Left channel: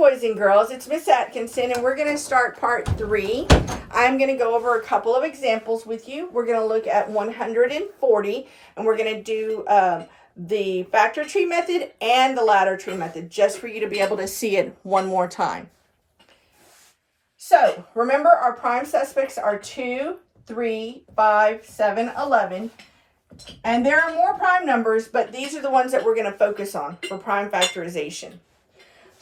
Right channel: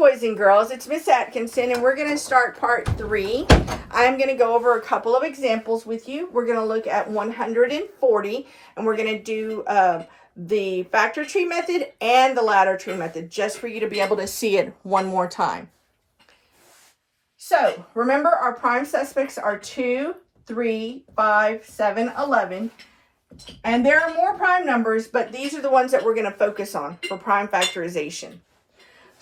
boys and girls, it's Miss Atkinson, and we're going to start part 3. I'm going to go over a couple of examples with you. We're going to look at 140, and we're going to do the factor tree method and the ladder tree method, just for you to be able to see it one more time. So, remember our prime suspects are 2, 3, 5, 7, 11. And there are more prime numbers, but these are the ones that we're going to focus on for prime factorization.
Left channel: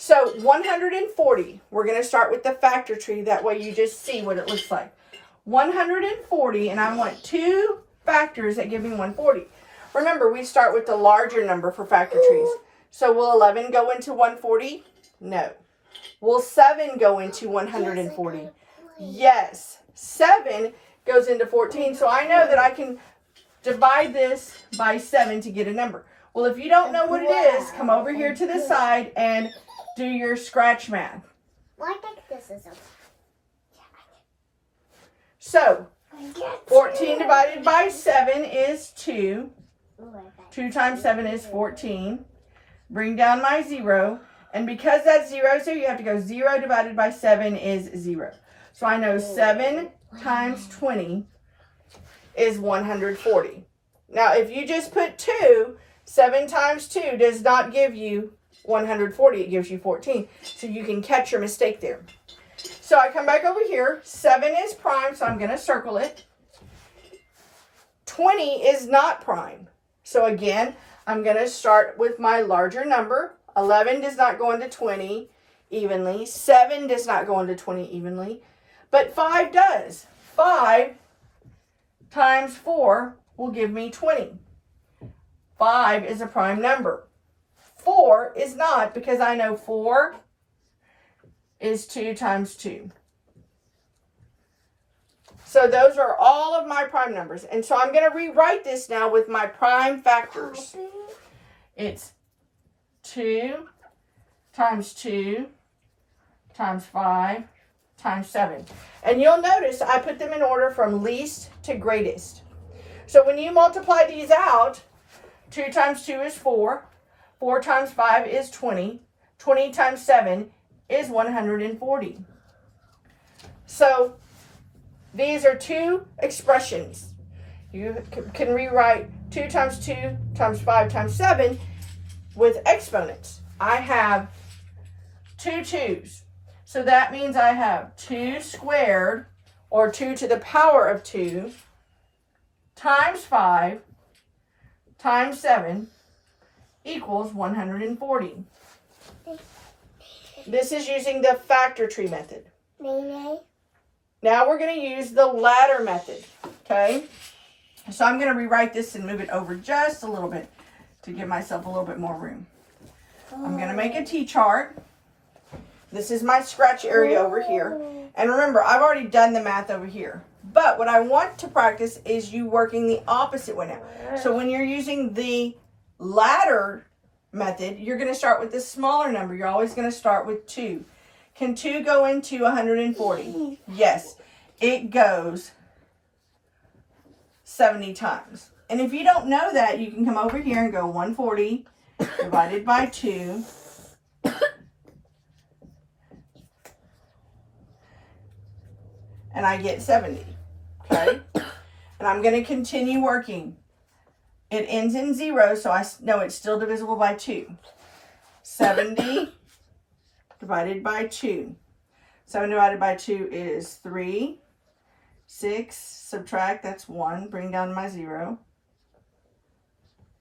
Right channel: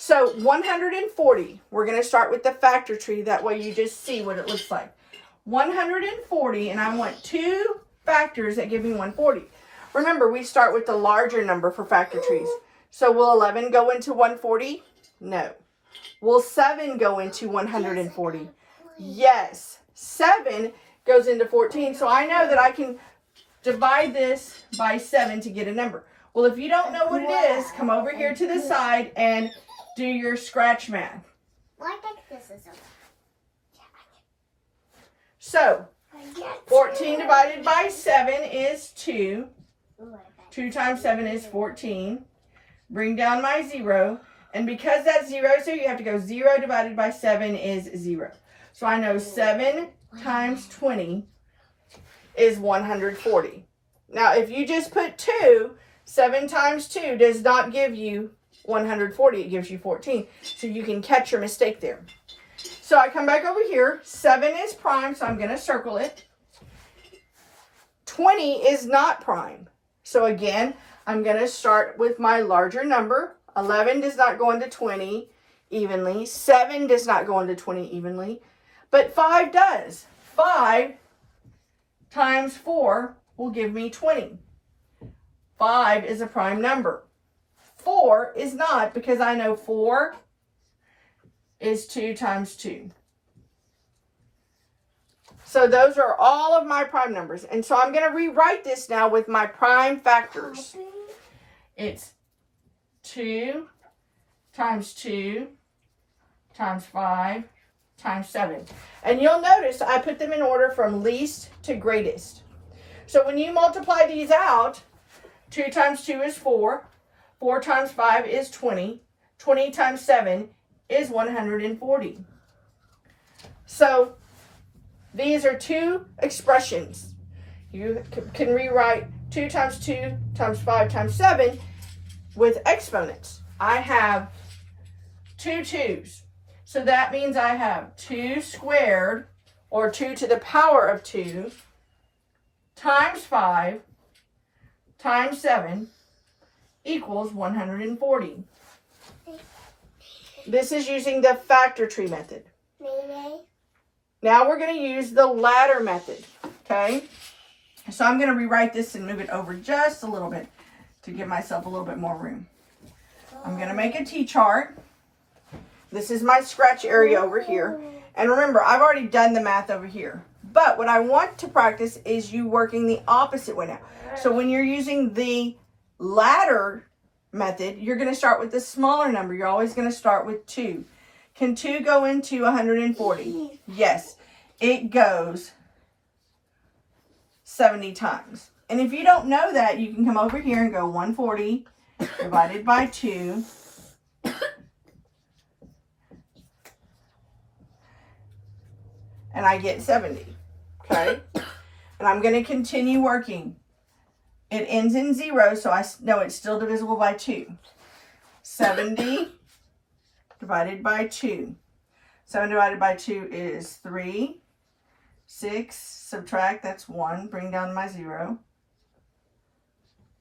So 140, we're going to start with the factor tree. That way you just see what it looks like. 140, and I want two factors that give me 140. Remember, we start with the larger number for factor trees. So will 11 go into 140? No. Will 7 go into 140? Yes. 7 goes into 14. So I know that I can divide this by 7 to get a number. Well, if you don't know what it is, come over here to the side and do your scratch math. So, 14 divided by 7 is 2. 2 times 7 is 14. Bring down my 0. And because that 0 is there, you have to go 0 divided by 7 is 0. So I know 7 times 20 is 140. Now, if you just put 2, 7 times 2 does not give you 140. It gives you 14. So you can catch your mistake there. So I come back over here. 7 is prime, so I'm going to circle it. 20 is not prime. So again, I'm going to start with my larger number. 11 does not go into 20 evenly. 7 does not go into 20 evenly. But 5 does. 5 times 4 will give me 20. 5 is a prime number. 4 is not, because I know 4 is 2 times 2. So those are all of my prime numbers. And so I'm going to rewrite this now with my prime factors. It's 2 times 2 times 5 times 7. And you'll notice I put them in order from least to greatest. So when you multiply these out, 2 times 2 is 4. 4 times 5 is 20. 20 times 7 is 140. So these are two expressions. You can rewrite 2 times 2 times 5 times 7 with exponents. I have 2 2's. So that means I have 2 squared, or 2 to the power of 2, times 5 times 7 equals 140. This is using the factor tree method. Now we're going to use the ladder method, okay? So I'm going to rewrite this and move it over just a little bit to give myself a little bit more room. I'm going to make a T-chart. This is my scratch area over here. And remember, I've already done the math over here. But what I want to practice is you working the opposite way now. So when you're using the ladder method, you're going to start with the smaller number. You're always going to start with 2. Can 2 go into 140? Yes, it goes 70 times. And if you don't know that, you can come over here and go 140 divided by 2. And I get 70, okay? And I'm going to continue working. It ends in 0, so I know it's still divisible by 2. 70 divided by 2. 7 divided by 2 is 3. 6, subtract, that's 1. Bring down my 0.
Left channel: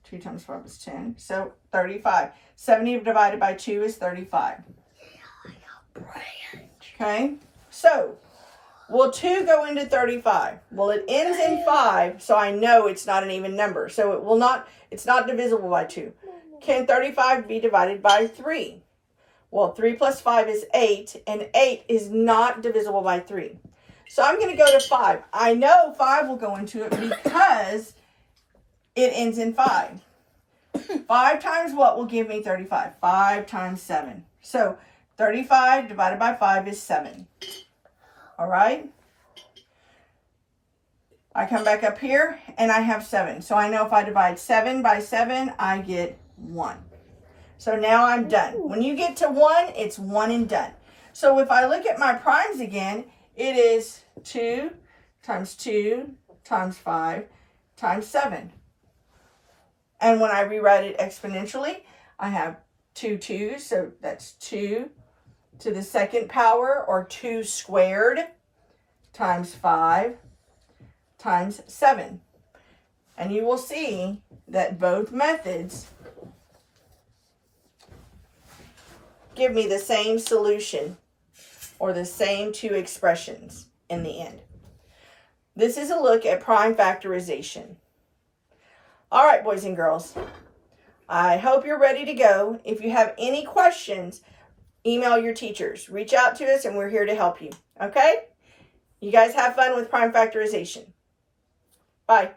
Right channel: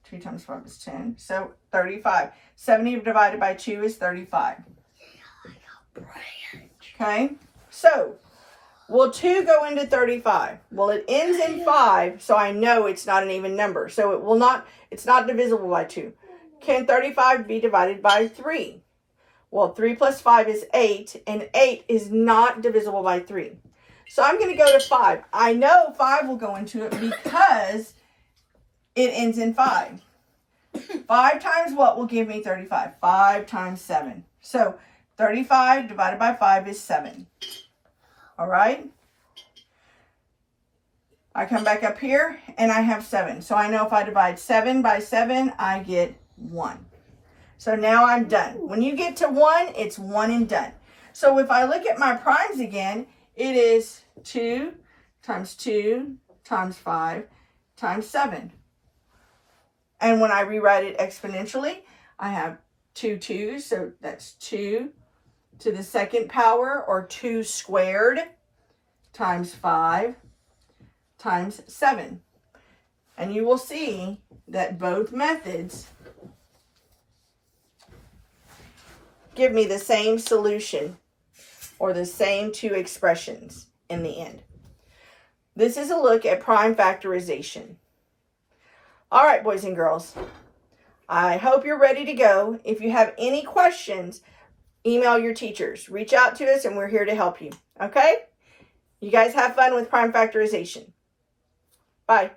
2 times 5 is 10. So 35. 70 divided by 2 is 35. Okay? So, will 2 go into 35? Well, it ends in 5, so I know it's not an even number. So it will not, it's not divisible by 2. Can 35 be divided by 3? Well, 3 plus 5 is 8, and 8 is not divisible by 3. So I'm going to go to 5. I know 5 will go into it because it ends in 5. 5 times what will give me 35? 5 times 7. So 35 divided by 5 is 7. All right. I come back up here and I have 7. So I know if I divide 7 by 7, I get 1. So now I'm done. When you get to 1, it's 1 and done. So if I look at my primes again, it is 2 times 2 times 5 times 7. And when I rewrite it exponentially, I have 2 2's, so that's 2 to the second power, or 2 squared, times 5 times 7. And you will see that both methods give me the same solution, or the same 2 expressions in the end. This is a look at prime factorization. All right, boys and girls, I hope you're ready to go. If you have any questions, email your teachers. Reach out to us and we're here to help you. Okay? You guys have fun with prime factorization. Bye.